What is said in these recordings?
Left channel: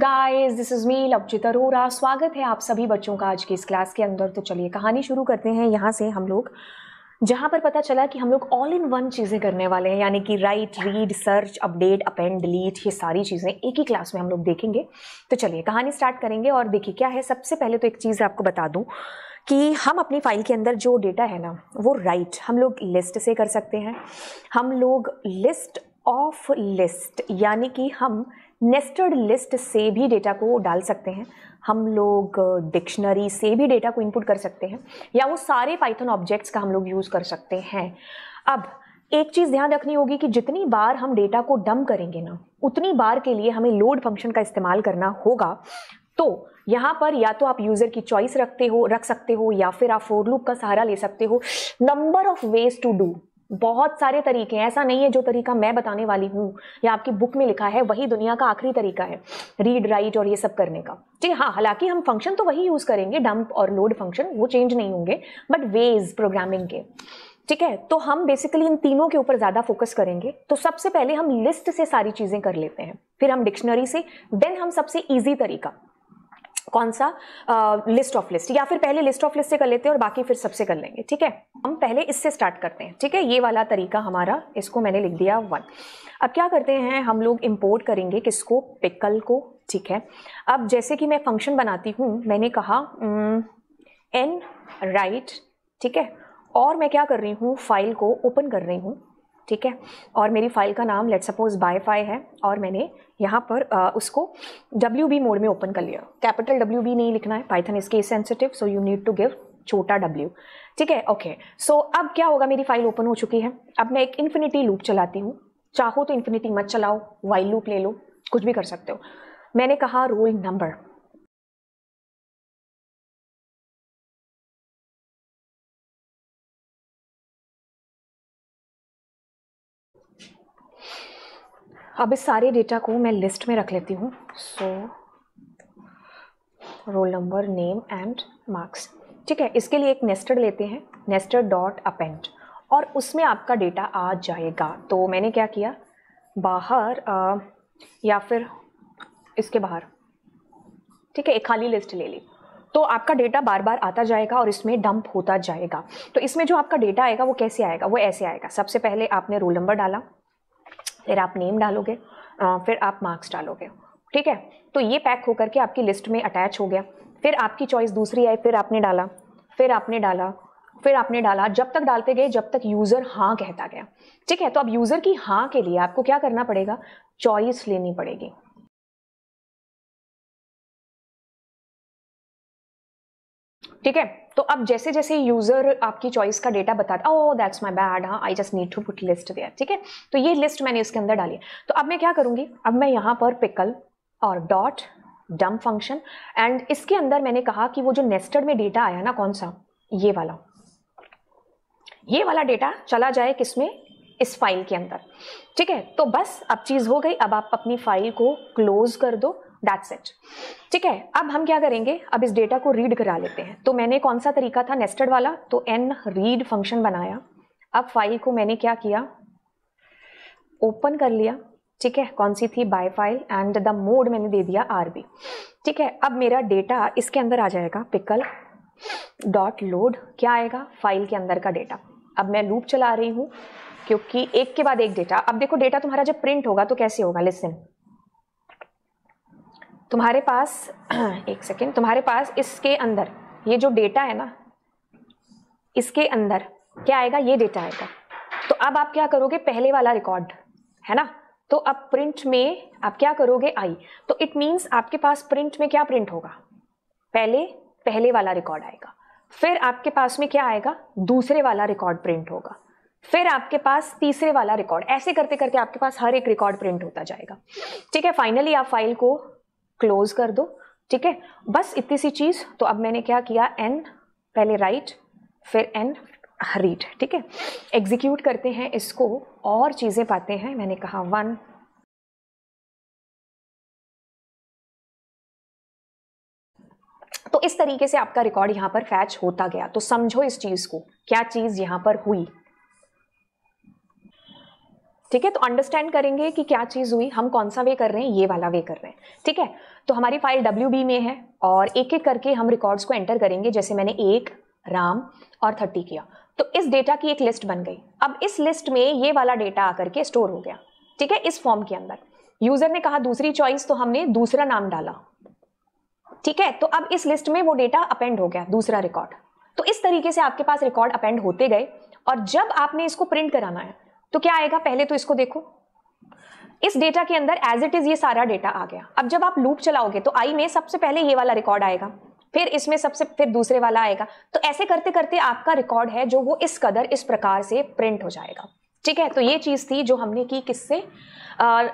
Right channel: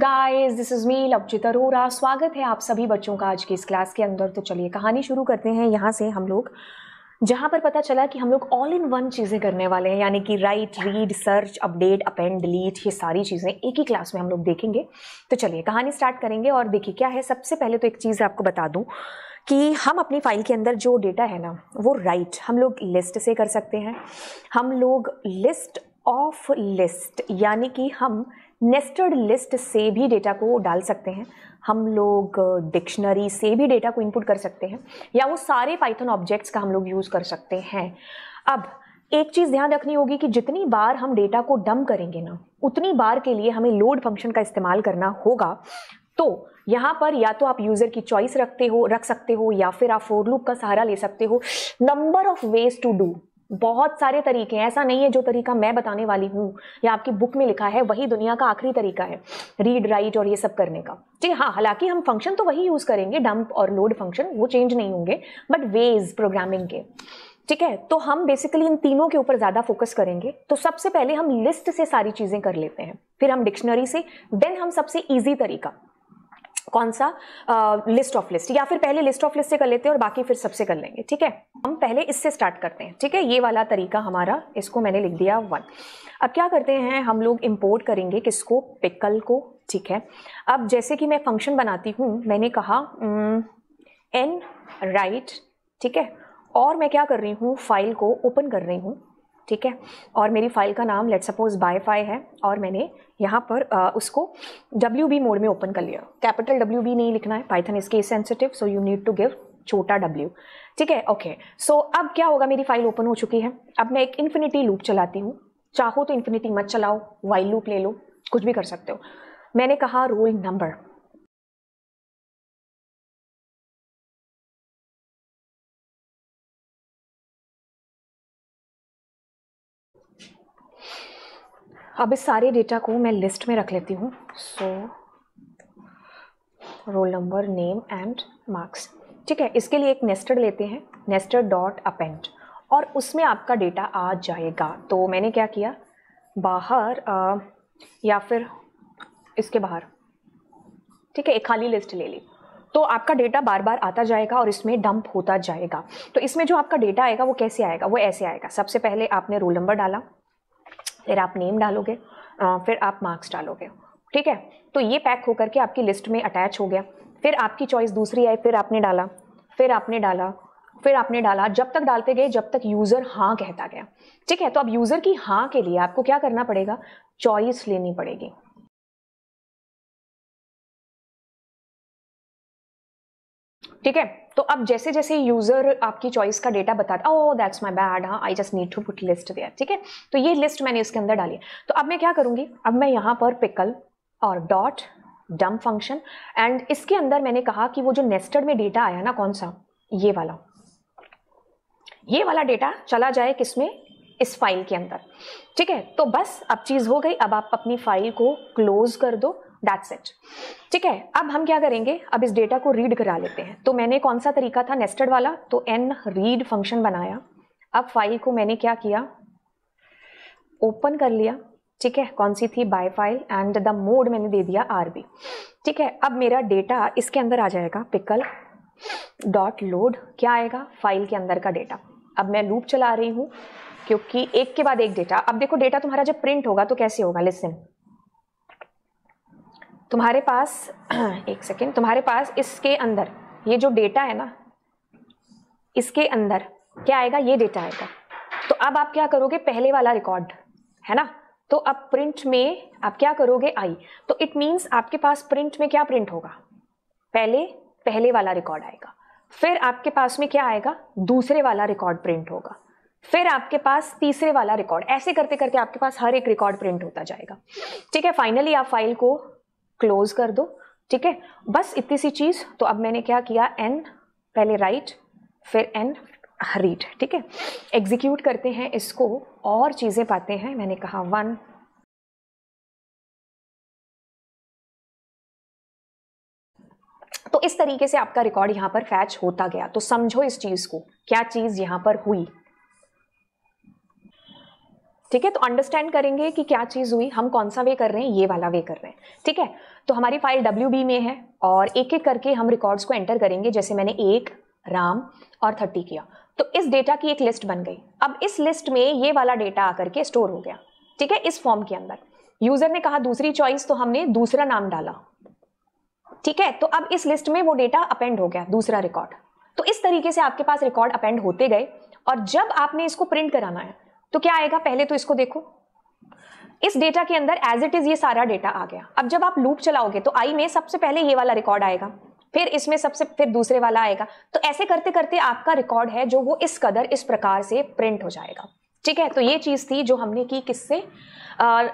Guys, this is me Lavchit Arora. स्वागत है आप सभी बच्चों का आज की इस क्लास के अंदर। तो चलिए कहानी शुरू करते हैं यहाँ से हम लोग, जहाँ पर पता चला कि हम लोग ऑल इन वन चीज़ें करने वाले हैं, यानी कि right, read, search, update, append, delete, ये सारी चीज़ें एक ही क्लास में हम लोग देखेंगे। तो चलिए कहानी स्टार्ट करेंगे। और देखिए क्या है, सबसे पहले तो एक चीज़ आपको बता दूँ कि हम अपनी फाइल के अंदर जो डेटा है ना, वो राइट हम लोग लिस्ट से कर सकते हैं। हम लोग लिस्ट ऑफ लिस्ट, यानी कि हम नेस्टेड लिस्ट से भी डेटा को डाल सकते हैं। हम लोग डिक्शनरी से भी डेटा को इनपुट कर सकते हैं, या वो सारे पाइथन ऑब्जेक्ट्स का हम लोग यूज़ कर सकते हैं। अब एक चीज़ ध्यान रखनी होगी कि जितनी बार हम डेटा को डंप करेंगे ना, उतनी बार के लिए हमें लोड फंक्शन का इस्तेमाल करना होगा। तो यहाँ पर या तो आप यूजर की चॉइस रख सकते हो, या फिर आप फॉर लूप का सहारा ले सकते हो। Number of ways to do, बहुत सारे तरीके हैं। ऐसा नहीं है जो तरीका मैं बताने वाली हूँ या आपकी बुक में लिखा है वही दुनिया का आखिरी तरीका है रीड, राइट और ये सब करने का। ठीक है, हाँ, हालांकि हम फंक्शन तो वही यूज करेंगे, डंप और लोड फंक्शन, वो चेंज नहीं होंगे, बट वेज प्रोग्रामिंग के। ठीक है, तो हम बेसिकली इन तीनों के ऊपर ज्यादा फोकस करेंगे। तो सबसे पहले हम लिस्ट से सारी चीजें कर लेते हैं, फिर हम डिक्शनरी से, देन हम सबसे इजी तरीका कौन सा, लिस्ट ऑफ लिस्ट, या फिर पहले लिस्ट ऑफ लिस्ट से कर लेते हैं और बाकी फिर सबसे कर लेंगे। ठीक है, हम पहले इससे स्टार्ट करते हैं। ठीक है, ये वाला तरीका हमारा, इसको मैंने लिख दिया 1। अब क्या करते हैं, हम लोग इंपोर्ट करेंगे किसको, पिकल को। ठीक है, अब जैसे कि मैं फंक्शन बनाती हूँ, मैंने कहा एन राइट। ठीक है, और मैं क्या कर रही हूँ, फाइल को ओपन कर रही हूँ। ठीक है, और मेरी फाइल का नाम लेट्स सपोज बायफाई है, और मैंने यहाँ पर उसको WB मोड में ओपन कर लिया। कैपिटल WB नहीं लिखना है, पाइथन इसके sensitive, so you need to give छोटा W। ठीक है, ओके। सो अब क्या होगा, मेरी फाइल ओपन हो चुकी है। अब मैं एक इन्फिनिटी लूप चलाती हूँ। चाहो तो इन्फिनिटी मत चलाओ, व्हाइल लूप ले लो, कुछ भी कर सकते हो। मैंने कहा रोल नंबर, अब इस सारे डेटा को मैं लिस्ट में रख लेती हूँ। So roll number, name and marks. ठीक है, इसके लिए एक नेस्टेड लेते हैं, नेस्टेड डॉट अपेंड, और उसमें आपका डेटा आ जाएगा। तो मैंने क्या किया, बाहर या फिर इसके बाहर, ठीक है, एक खाली लिस्ट ले ली, तो आपका डेटा बार बार आता जाएगा और इसमें डंप होता जाएगा। तो इसमें जो आपका डेटा आएगा वो कैसे आएगा, वो ऐसे आएगा। सबसे पहले आपने रोल नंबर डाला, फिर आप नेम डालोगे, फिर आप मार्क्स डालोगे। ठीक है, तो ये पैक होकर के आपकी लिस्ट में अटैच हो गया। फिर आपकी चॉइस दूसरी आई, फिर आपने डाला, फिर आपने डाला, फिर आपने डाला, जब तक डालते गए जब तक यूजर हाँ कहता गया। ठीक है, तो अब यूजर की हाँ के लिए आपको क्या करना पड़ेगा, चॉइस लेनी पड़ेगी। ठीक है, तो अब जैसे जैसे यूजर आपकी चॉइस का डेटा बताता, ओह दैट्स माय बैड, हाँ I just need to put list there. ठीक है, तो ये लिस्ट मैंने इसके अंदर डाली। तो अब मैं क्या करूंगी, अब मैं यहाँ पर पिकल और डॉट डंप फंक्शन, एंड इसके अंदर मैंने कहा कि वो जो नेस्टेड में डेटा आया ना, कौन सा, ये वाला डेटा चला जाए किसमें, इस फाइल के अंदर। ठीक है, तो बस अब चीज हो गई। अब आप अपनी फाइल को क्लोज कर दो, दैट्स इट। ठीक है, अब हम क्या करेंगे, अब इस डेटा को रीड करा लेते हैं। तो मैंने कौन सा तरीका था, नेस्टेड वाला, तो एन रीड फंक्शन बनाया। अब फाइल को मैंने क्या किया, ओपन कर लिया। ठीक है, कौन सी थी, by file, and the mode मैंने दे दिया RB। ठीक है, अब मेरा डेटा इसके अंदर आ जाएगा, पिकल डॉट लोड, क्या आएगा, फाइल के अंदर का डेटा। अब मैं लूप चला रही हूँ क्योंकि एक के बाद एक डेटा। अब देखो डेटा तुम्हारा जब प्रिंट होगा तो कैसे होगा, लिसन, तुम्हारे पास एक सेकेंड, तुम्हारे पास इसके अंदर ये जो डेटा है ना, इसके अंदर क्या आएगा, ये डेटा आएगा। तो अब आप क्या करोगे, पहले वाला रिकॉर्ड है ना, तो अब प्रिंट में आप क्या करोगे, आई, तो इट मींस आपके पास प्रिंट में क्या प्रिंट होगा, पहले वाला रिकॉर्ड आएगा, फिर आपके पास में क्या आएगा, दूसरे वाला रिकॉर्ड प्रिंट होगा, फिर आपके पास तीसरे वाला रिकॉर्ड, ऐसे करते करते आपके पास हर एक रिकॉर्ड प्रिंट होता जाएगा। ठीक है, फाइनली आप फाइल को क्लोज कर दो। ठीक है, बस इतनी सी चीज। तो अब मैंने क्या किया, एन पहले राइट, फिर एन रीड। ठीक है, एग्जीक्यूट करते हैं इसको और चीजें पाते हैं। मैंने कहा 1, तो इस तरीके से आपका रिकॉर्ड यहां पर फैच होता गया। तो समझो इस चीज को, क्या चीज यहां पर हुई। ठीक है, तो अंडरस्टैंड करेंगे कि क्या चीज हुई, हम कौन सा वे कर रहे हैं, ये वाला वे कर रहे हैं। ठीक है, तो हमारी फाइल WB में है और एक एक करके हम रिकॉर्ड्स को एंटर करेंगे। जैसे मैंने 1 राम और 30 किया, तो इस डेटा की एक लिस्ट बन गई। अब इस लिस्ट में ये वाला डेटा आकर के स्टोर हो गया। ठीक है, इस फॉर्म के अंदर यूजर ने कहा दूसरी चॉइस, तो हमने दूसरा नाम डाला। ठीक है, तो अब इस लिस्ट में वो डेटा अपेंड हो गया, दूसरा रिकॉर्ड। तो इस तरीके से आपके पास रिकॉर्ड अपेंड होते गए और जब आपने इसको प्रिंट कराना है तो क्या आएगा, पहले तो इसको देखो, इस डेटा के अंदर एज इट इज ये सारा डेटा आ गया। अब जब आप लूप चलाओगे तो आई में सबसे पहले ये वाला रिकॉर्ड आएगा, फिर इसमें फिर दूसरे वाला आएगा। तो ऐसे करते करते आपका रिकॉर्ड है जो वो इस कदर इस प्रकार से प्रिंट हो जाएगा। ठीक है, तो ये चीज थी जो हमने की किससे,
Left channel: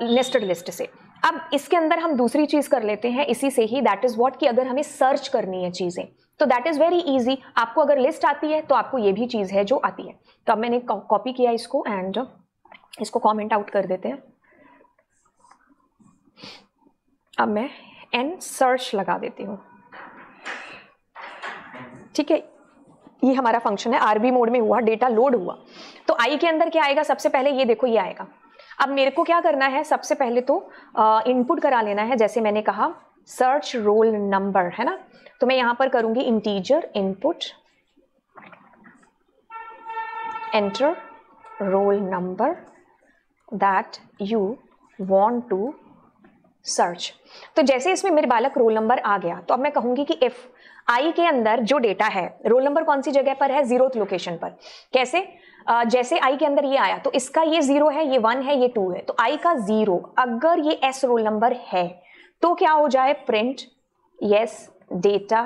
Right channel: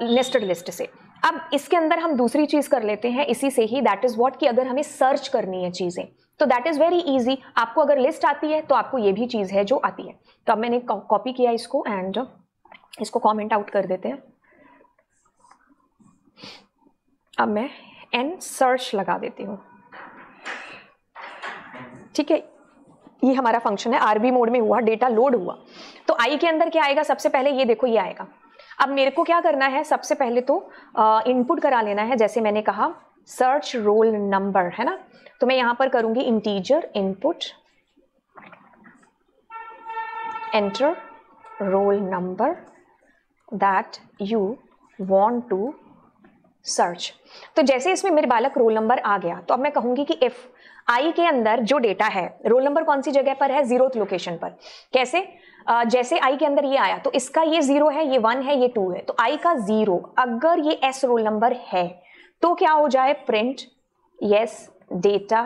नेस्टेड लिस्ट से। अब इसके अंदर हम दूसरी चीज कर लेते हैं इसी से ही, दैट इज व्हाट, कि अगर हमें सर्च करनी है चीजें तो दैट इज वेरी इजी। आपको अगर लिस्ट आती है तो आपको ये भी चीज है जो आती है। तो अब मैंने कॉपी किया इसको एंड इसको कमेंट आउट कर देते हैं। अब मैं एन सर्च लगा देती हूँ। ठीक है, ये हमारा फंक्शन है, आरबी मोड में हुआ, डेटा लोड हुआ। तो आई के अंदर क्या आएगा, सबसे पहले ये देखो ये आएगा। अब मेरे को क्या करना है, सबसे पहले तो इनपुट करा लेना है। जैसे मैंने कहा सर्च रोल नंबर, है ना, तो मैं यहां पर करूंगी integer input enter roll number that you want to search. तो जैसे इसमें मेरे बालक रोल नंबर आ गया तो अब मैं कहूंगी कि इफ आई के अंदर जो डेटा है, रोल नंबर कौन सी जगह पर है, 0th लोकेशन पर। कैसे, जैसे आई के अंदर ये आया तो इसका ये 0 है, ये 1 है, ये 2 है, तो आई का 0, अगर ये एस रोल नंबर है तो क्या हो जाए, प्रिंट यस डेटा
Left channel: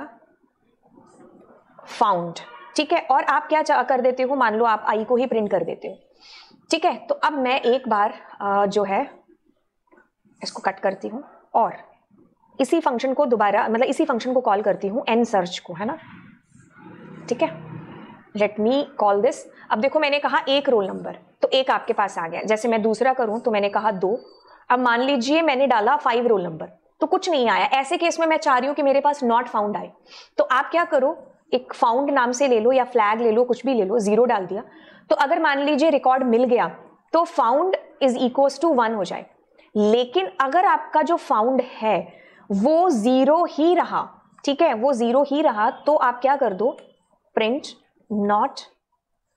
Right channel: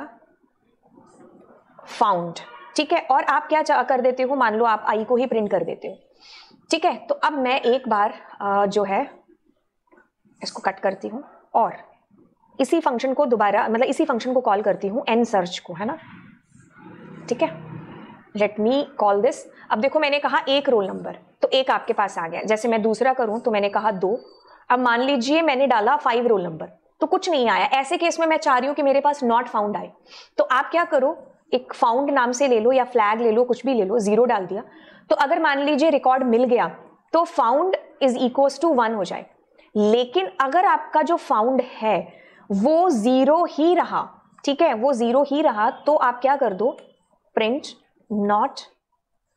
फाउंड। ठीक है, और आप क्या कर देते हो, मान लो आप आई को ही प्रिंट कर देते हो। ठीक है, तो अब मैं एक बार जो है इसको कट करती हूँ और इसी फंक्शन को दोबारा, मतलब इसी फंक्शन को कॉल करती हूँ एन सर्च को, है ना। ठीक है, लेट मी कॉल दिस। अब देखो मैंने कहा 1 रोल नंबर, तो 1 आपके पास आ गया। जैसे मैं दूसरा करूं तो मैंने कहा 2। अब मान लीजिए मैंने डाला 5 रोल नंबर, तो कुछ नहीं आया। ऐसे केस में मैं चाह रही हूं कि मेरे पास नॉट फाउंड आए, तो आप क्या करो, एक फाउंड नाम से ले लो या फ्लैग ले लो, कुछ भी ले लो, 0 डाल दिया। तो अगर मान लीजिए रिकॉर्ड मिल गया तो फाउंड इज इक्वल टू 1 हो जाए। लेकिन अगर आपका जो फाउंड है वो 0 ही रहा, ठीक है, वो 0 ही रहा, तो आप क्या कर दो, प्रिंट नॉट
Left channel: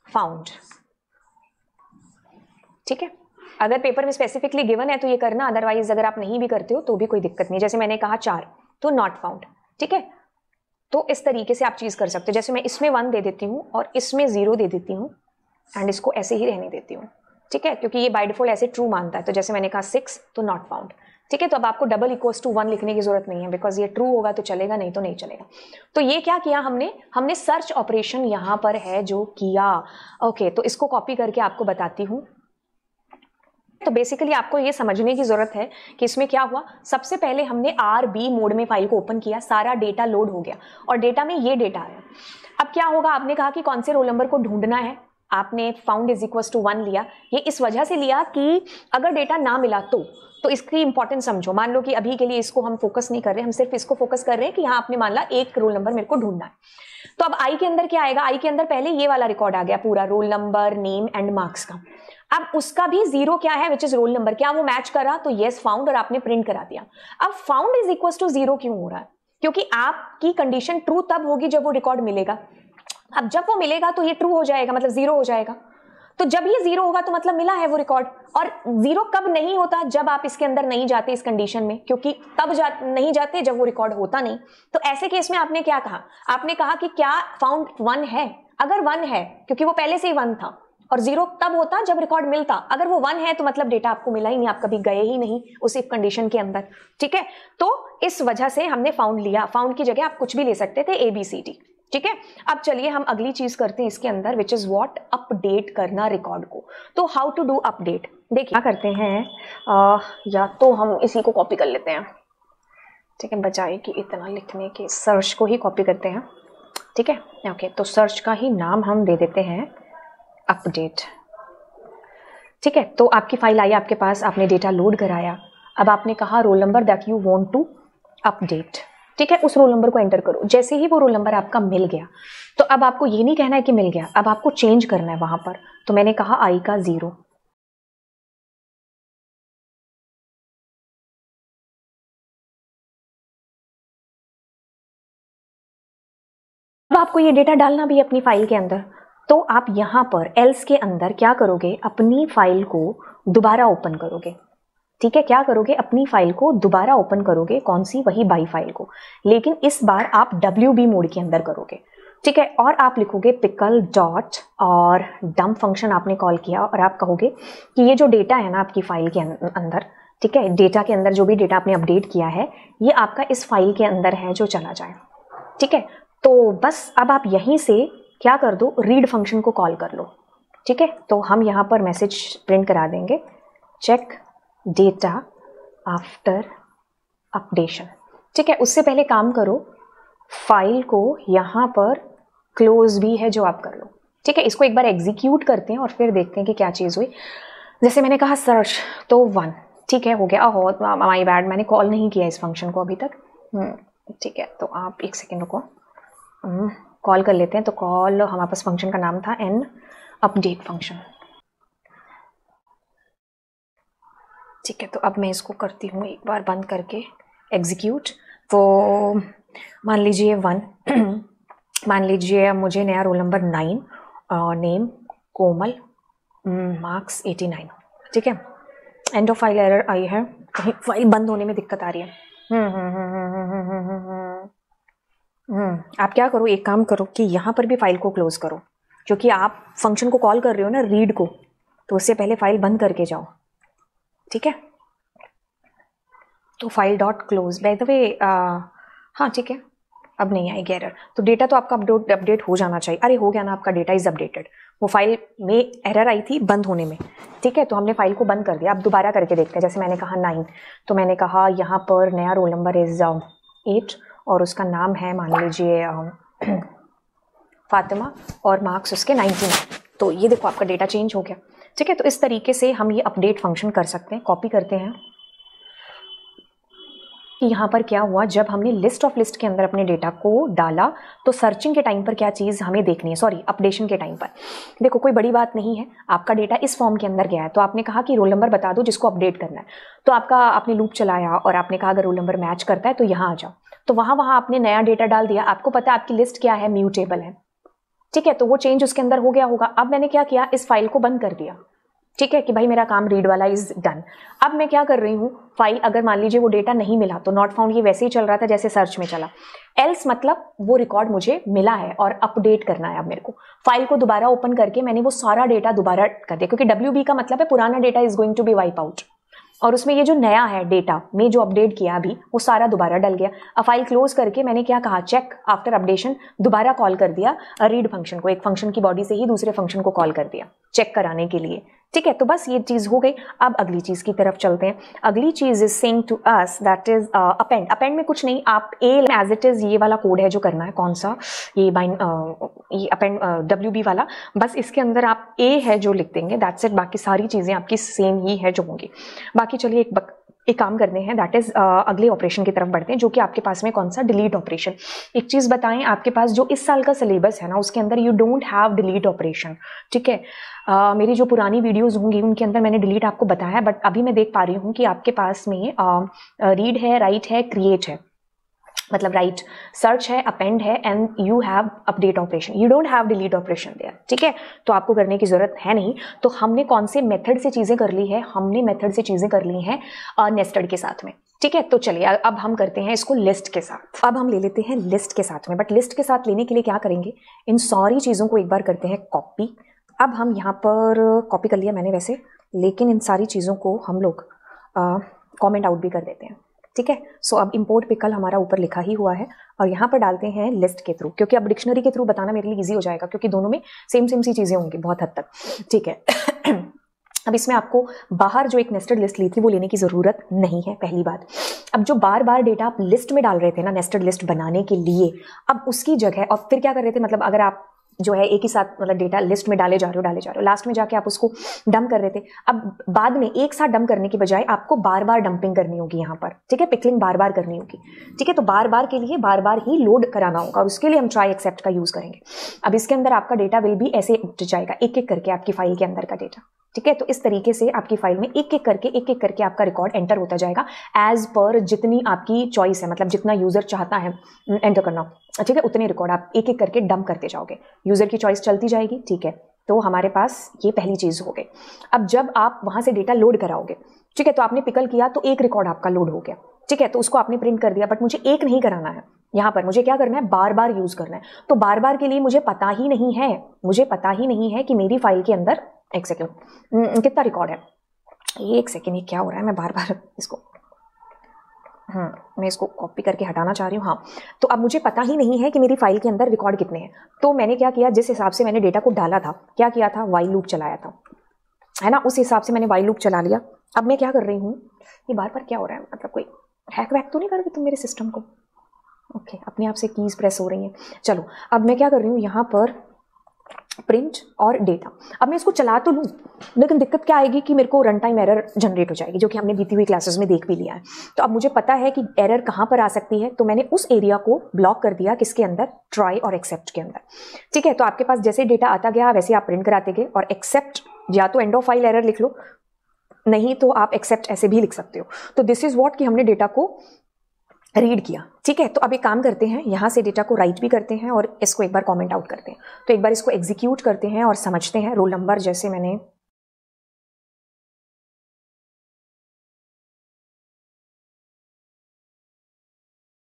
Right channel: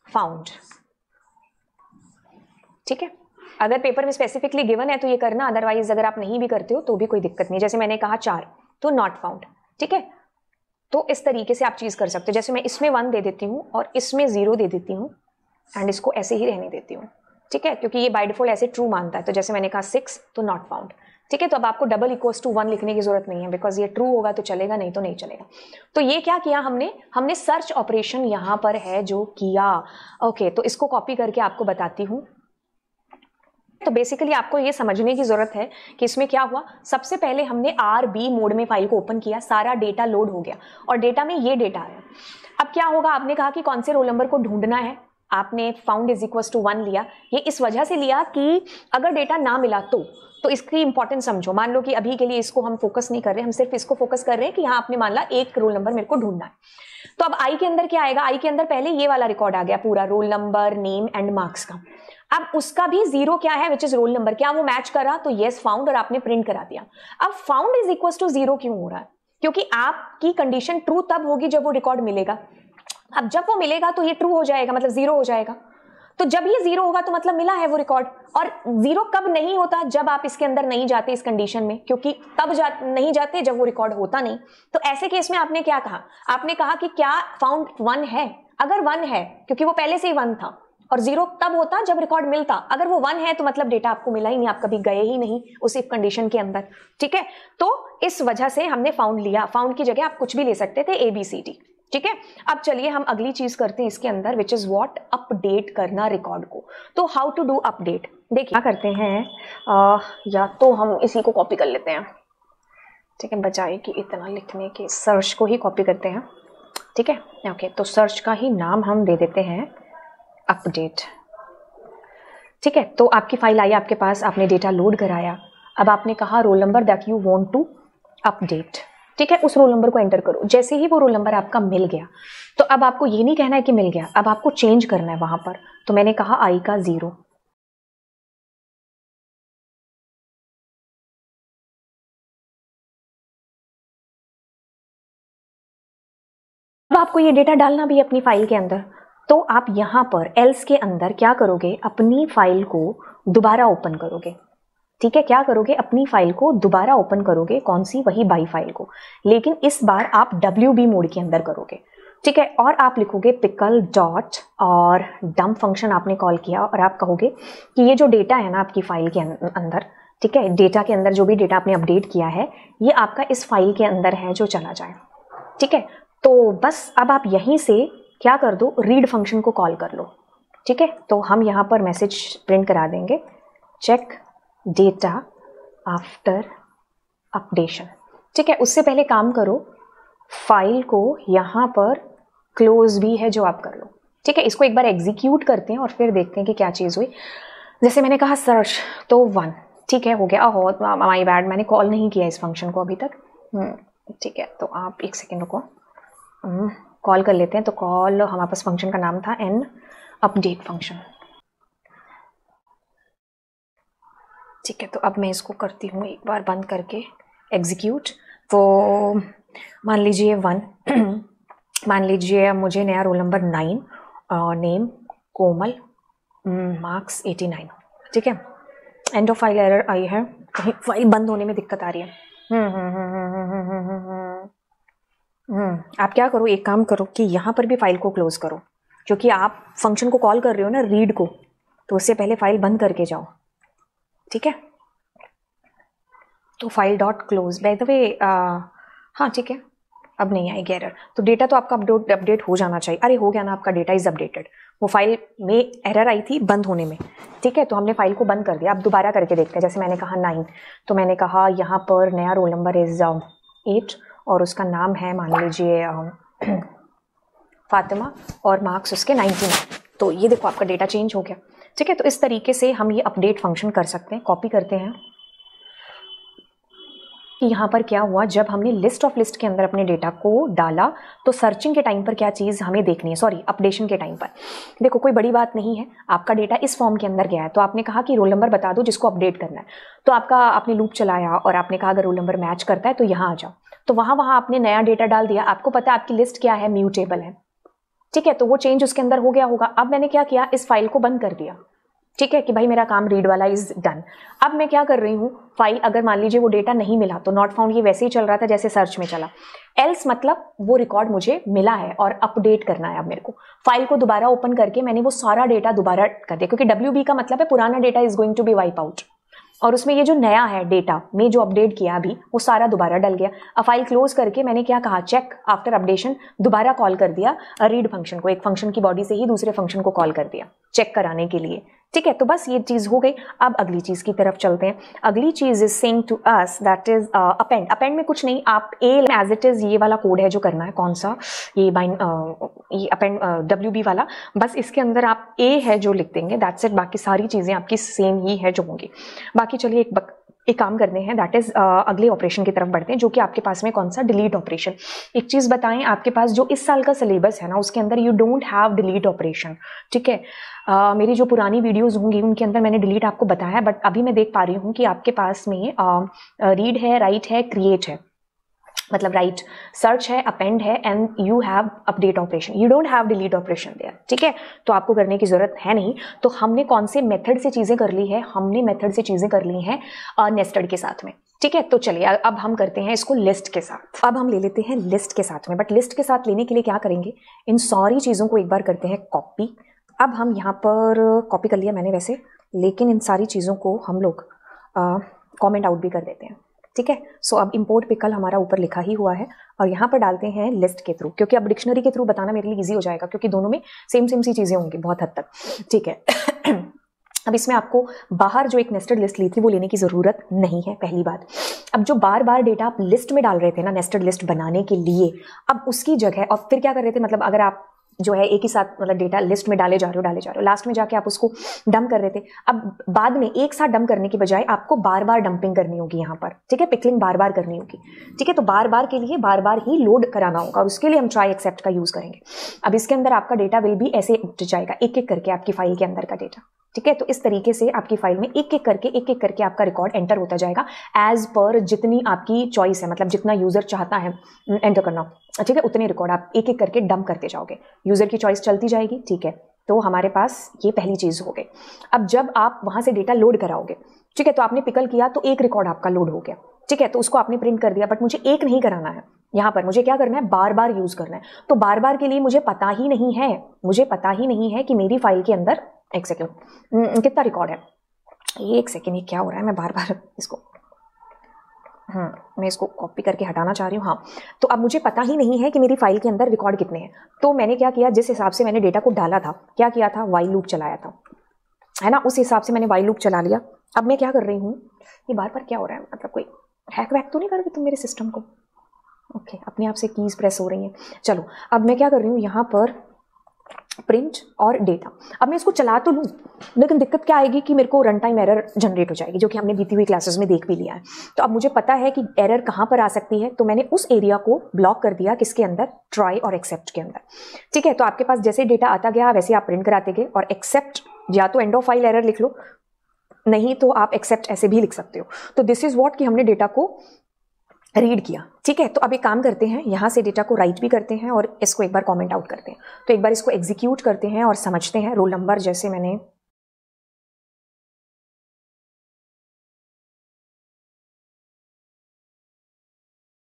फाउंड। ठीक है, अगर पेपर में स्पेसिफिकली गिवन है तो ये करना, अदरवाइज अगर आप नहीं भी करते हो तो भी कोई दिक्कत नहीं। जैसे मैंने कहा 4, तो नॉट फाउंड। ठीक है, तो इस तरीके से आप चीज कर सकते हो। जैसे मैं इसमें 1 दे देती हूँ और इसमें 0 दे देती हूँ एंड इसको ऐसे ही रहने देती हूँ। ठीक है, क्योंकि ये बाय डिफॉल्ट ऐसे ट्रू मानता है। तो जैसे मैंने कहा 6, तो नॉट फाउंड। ठीक है, तो अब आपको डबल इक्वल्स टू 1 लिखने की जरूरत नहीं है, बिकॉज ये ट्रू होगा तो चलेगा, नहीं तो नहीं चलेगा। तो ये क्या किया हमने सर्च ऑपरेशन यहां पर है जो किया। ओके, तो इसको कॉपी करके आपको बताती हूँ। तो बेसिकली आपको ये समझने की जरूरत है कि इसमें क्या हुआ। सबसे पहले हमने RB मोड में फाइल को ओपन किया, सारा डेटा लोड हो गया और डेटा में ये डेटा आया। अब क्या होगा, आपने कहा कि कौन से रोल नंबर को ढूंढना है, आपने फाउंड इज इक्वल टू 1 लिया। ये इस वजह से लिया कि अगर डेटा ना मिला तो इसकी इंपॉर्टेंस समझो। मान लो कि अभी के लिए इसको हम फोकस नहीं कर रहे, हम सिर्फ इसको फोकस कर रहे हैं कि यहाँ आपने मान ला 1 रोल नंबर मेरे को ढूंढना है। तो अब आई के अंदर क्या आएगा, आई के अंदर पहले ये वाला रिकॉर्ड आ गया पूरा, roll number, name and marks का। अब उसका भी 0 क्या है, विच इज रोल नंबर, क्या वो मैच करा, तो यस फाउंड, और आपने प्रिंट करा दिया। अब फाउंड इज इक्वल टू 0 क्यों हो रहा है, क्योंकि आपकी कंडीशन ट्रू तब होगी जब वो रिकॉर्ड मिलेगा। अब जब वो मिलेगा तो ये ट्रू हो जाएगा, मतलब 0 हो जाएगा। तो जब ये 0 होगा तो मतलब मिला है वो रिकॉर्ड। और 0 कब नहीं होता, जब आप इसके अंदर नहीं जाते इस कंडीशन में, क्योंकि तब नहीं जाते जब वो रिकॉर्ड होता नहीं। तो ऐसे केस में आपने क्या कहा, आपने कहा कि क्या फाउंड 1 है, अगर 1 है क्योंकि वो पहले से ही 1 था, और 0 तब होता जब रिकॉर्ड मिलता। अगर वो 1 है तो मतलब डेटा आपको मिला ही नहीं, आप कभी गए ही नहीं उसी कंडीशन के अंदर। ठीक है, तो इस वजह से हमने फाउंड लिया। फाउंड की जगह आप कुछ भी ले सकते थे, ABCD। ठीक है, अब चलिए हम अगली चीज करते हैं इसके अंदर, विच इज व्हाट, अपडेट करना रिकॉर्ड को। तो हाउ टू डू अपडेट, देखिए क्या करते हैं, या तो हम इसी को कॉपी कर लेते हैं। ठीक है, बजाय कि इतना लिखने के, सर्च को ही कॉपी करते हैं। ठीक है, ओके, तो सर्च का ही नाम हम दे देते हैं अपडेट। ठीक है, तो आपकी फाइल आई आपके पास, आपने डेटा लोड कराया। अब आपने कहा roll number that you want to update. ठीक है, उस रोल नंबर को एंटर करो। जैसे ही वो रोल नंबर आपका मिल गया, तो अब आपको ये नहीं कहना है कि मिल गया, अब आपको चेंज करना है वहां पर। तो मैंने कहा आई का 0, अब आपको ये डेटा डालना भी है अपनी फाइल के अंदर, तो आप यहाँ पर एल्स के अंदर क्या करोगे, अपनी फाइल को दोबारा ओपन करोगे। ठीक है, क्या करोगे, अपनी फाइल को दोबारा ओपन करोगे, कौन सी, वही बाई फाइल को, लेकिन इस बार आप WB मोड के अंदर करोगे। ठीक है, और आप लिखोगे पिकल डॉट और डंप फंक्शन आपने कॉल किया, और आप कहोगे कि ये जो डेटा है ना आपकी फाइल के अंदर, ठीक है, डेटा के अंदर जो भी डेटा आपने अपडेट किया है ये आपका इस फाइल के अंदर है जो चला जाए। ठीक है, तो बस अब आप यहीं से क्या कर दो, रीड फंक्शन को कॉल कर लो। ठीक है, तो हम यहाँ पर मैसेज प्रिंट करा देंगे, चेक डेटा आफ्टर अपडेशन। ठीक है, उससे पहले काम करो, फाइल को यहाँ पर क्लोज भी है जो आप कर लो। ठीक है, इसको एक बार एग्जीक्यूट करते हैं और फिर देखते हैं कि क्या चीज़ हुई। जैसे मैंने कहा सर्च, तो 1, ठीक है, हो गया। ओह माय बैड, मैंने कॉल नहीं किया इस फंक्शन को अभी तक। ठीक है, तो आप एक सेकेंड रुको, कॉल कर लेते हैं। तो कॉल, हमारे पास फंक्शन का नाम था एन अपडेट फंक्शन। ठीक है, तो अब मैं इसको करती हूँ एक बार बंद करके एग्जीक्यूट। तो मान लीजिए 1 मान लीजिए मुझे नया रोल नंबर 9 और नेम कोमल, मार्क्स 89। ठीक है, एंड ऑफ फाइल एरर आई है, कहीं फाइल बंद होने में दिक्कत आ रही है। आप क्या करो, एक काम करो कि यहाँ पर भी फाइल को क्लोज करो, क्योंकि आप फंक्शन को कॉल कर रहे हो ना रीड को, तो उससे पहले फाइल बंद करके जाओ। ठीक है, तो file dot close, by the way हाँ ठीक है, अब नहीं आएगी एरर। तो डेटा तो आपका अपडेट हो जाना चाहिए। अरे हो गया ना, आपका डेटा इज अपडेटेड। वो फाइल में एरर आई थी बंद होने में। ठीक है, तो हमने फाइल को बंद कर दिया। अब दोबारा करके देखते हैं। जैसे मैंने कहा 9, तो मैंने कहा यहाँ पर नया रोल नंबर इज 8 और उसका नाम है मान लीजिए फातिमा और मार्क्स उसके 99। तो ये देखो आपका डेटा चेंज हो गया। ठीक है, तो इस तरीके से हम ये अपडेट फंक्शन कर सकते हैं। कॉपी करते हैं कि यहाँ पर क्या हुआ, जब हमने लिस्ट ऑफ लिस्ट के अंदर अपने डेटा को डाला तो सर्चिंग के टाइम पर क्या चीज़ हमें देखनी है, सॉरी अपडेशन के टाइम पर। देखो कोई बड़ी बात नहीं है, आपका डेटा इस फॉर्म के अंदर गया है, तो आपने कहा कि रोल नंबर बता दो जिसको अपडेट करना है। तो आपने लूप चलाया और आपने कहा अगर रोल नंबर मैच करता है तो यहाँ आ जाओ। तो वहाँ आपने नया डेटा डाल दिया। आपको पता है आपकी लिस्ट क्या है, म्यूटेबल है। ठीक है, तो वो चेंज उसके अंदर हो गया होगा। अब मैंने क्या किया, इस फाइल को बंद कर दिया। ठीक है कि भाई मेरा काम रीड वाला इज डन। अब मैं क्या कर रही हूँ, फाइल अगर मान लीजिए वो डेटा नहीं मिला तो नॉट फाउंड ये वैसे ही चल रहा था जैसे सर्च में चला। एल्स मतलब वो रिकॉर्ड मुझे मिला है और अपडेट करना है। अब मेरे को फाइल को दोबारा ओपन करके मैंने वो सारा डेटा दोबारा कर दिया, क्योंकि WB का मतलब है पुराना data is going to be wipe out, और उसमें ये जो नया है डेटा में जो अपडेट किया अभी वो सारा दोबारा डल गया। अब फाइल क्लोज करके मैंने क्या कहा, चेक आफ्टर अपडेशन, दोबारा कॉल कर दिया रीड फंक्शन को। एक फंक्शन की बॉडी से ही दूसरे फंक्शन को कॉल कर दिया चेक कराने के लिए। ठीक है, तो बस ये चीज हो गई। अब अगली चीज की तरफ चलते हैं। अगली चीज is saying to us that is append. Append में कुछ नहीं, आप ए एज इट इज ये वाला कोड है जो करना है। कौन सा, ये ये अपेंड WB वाला। बस इसके अंदर आप ए है जो लिख देंगे, दैट्स इट। बाकी सारी चीजें आपकी सेम ही है जो होंगी। बाकी चलिए एक काम करते हैं, दैट इज अगले ऑपरेशन की तरफ बढ़ते हैं, जो कि आपके पास में कौन सा, डिलीट ऑपरेशन। एक चीज बताएं, आपके पास जो इस साल का सिलेबस है ना उसके अंदर you don't have delete operation. ठीक है, मेरी जो पुरानी वीडियोस होंगी उनके अंदर मैंने डिलीट आपको बताया, बट अभी मैं देख पा रही हूँ कि आपके पास में रीड है, राइट है, क्रिएट है, मतलब राइट, सर्च है, अपेंड है, and you have update operation. You don't have delete operation there. ठीक है, तो आपको करने की जरूरत है नहीं। तो हमने कौन से मेथड से चीजें कर ली है, हमने मेथड से चीजें कर ली है नेस्टेड के साथ में। ठीक है, तो चलिए अब हम करते हैं इसको लिस्ट के साथ। अब हम ले लेते हैं लिस्ट के साथ में, बट लिस्ट के साथ लेने के लिए क्या करेंगे, इन सारी चीजों को एक बार करते हैं कॉपी। अब हम यहाँ पर कॉपी कर लिया मैंने वैसे, लेकिन इन सारी चीज़ों को हम लोग कॉमेंट आउट भी कर देते हैं। ठीक है, सो अब इंपोर्ट पिकल हमारा ऊपर लिखा ही हुआ है और यहाँ पर डालते हैं लिस्ट के थ्रू, क्योंकि अब डिक्शनरी के थ्रू बताना मेरे लिए इजी हो जाएगा, क्योंकि दोनों में सेम सी चीज़ें होंगी बहुत हद तक। ठीक है अब इसमें आपको बाहर जो एक नेस्टेड लिस्ट ली थी वो लेने की ज़रूरत नहीं है, पहली बात। अब जो बार बार डेटा आप लिस्ट में डाल रहे थे ना नेस्टेड लिस्ट बनाने के लिए, अब उसकी जगह और फिर क्या कर रहे थे, मतलब अगर आप जो है एक ही साथ मतलब डेटा लिस्ट में डाले जा रहे हो, लास्ट में जाके आप उसको डंप कर रहे थे। अब बाद में एक साथ डंप करने की बजाय आपको बार बार डंपिंग करनी होगी यहाँ पर। ठीक है, पिकलिंग बार बार करनी होगी। ठीक है, तो बार बार के लिए बार बार ही लोड कराना होगा, उसके लिए हम ट्राई एक्सेप्ट का यूज करेंगे। अब इसके अंदर आपका डेटा विल भी ऐसे उठ जाएगा, एक एक करके आपकी फाइल के अंदर का डेटा। ठीक है। तो इस तरीके से आपकी फाइल में एक एक करके आपका रिकॉर्ड एंटर होता जाएगा एज पर जितनी आपकी चॉइस है, मतलब जितना यूजर चाहता है एंटर करना, ठीक है, उतने रिकॉर्ड आप एक एक करके डंप करते जाओगे, यूजर की चॉइस चलती जाएगी। ठीक है, तो हमारे पास ये पहली चीज हो गई। अब जब आप वहां से डेटा लोड कराओगे, ठीक है, तो आपने पिकल किया तो एक रिकॉर्ड आपका लोड हो गया, ठीक है, तो उसको आपने प्रिंट कर दिया, बट मुझे एक नहीं कराना है, यहाँ पर मुझे क्या करना है, बार बार यूज करना है। तो बार बार के लिए मुझे पता ही नहीं है कि मेरी फाइल के अंदर, एक सेकेंड, कितना रिकॉर्ड है, एक सेकेंड, ये क्या हो रहा है, मैं बार बार इसको मैं इसको कॉपी करके हटाना चाह रही हूँ। हाँ, तो अब मुझे पता ही नहीं है कि मेरी फाइल के अंदर रिकॉर्ड कितने हैं। तो मैंने क्या किया, जिस हिसाब से मैंने डेटा को डाला था, क्या किया था, व्हाइल लूप चलाया था, है ना, उस हिसाब से मैंने व्हाइल लूप चला लिया। अब मैं क्या कर रही हूँ, ये बार बार क्या हो रहा है, मतलब कोई हैक वैक तो नहीं कर रही तुम मेरे सिस्टम को? ओके, अपने आप से कीज प्रेस हो रही हैं। चलो, अब मैं क्या कर रही हूँ, यहाँ पर प्रिंट और डेटा। अब मैं इसको चला तो लूँ, लेकिन दिक्कत क्या आएगी कि मेरे को रन टाइम एरर जनरेट हो जाएगी, जो कि हमने बीती हुई क्लासेस में देख भी लिया है। तो अब मुझे पता है कि एरर कहाँ पर आ सकती है, तो मैंने उस एरिया को ब्लॉक कर दिया, किसके अंदर, ट्राई और एक्सेप्ट के अंदर। ठीक है, तो आपके पास जैसे डेटा आता गया वैसे आप प्रिंट कराते गए, और एक्सेप्ट या तो एंड ऑफ फाइल एरर लिख लो, नहीं तो आप एक्सेप्ट ऐसे भी लिख सकते हो। तो दिस इज व्हाट कि हमने डेटा को रीड किया। ठीक है, तो अब एक काम करते हैं, यहां से डेटा को राइट भी करते हैं और इसको एक बार कमेंट आउट करते हैं। तो एक बार इसको एग्जीक्यूट करते हैं और समझते हैं। रोल नंबर जैसे मैंने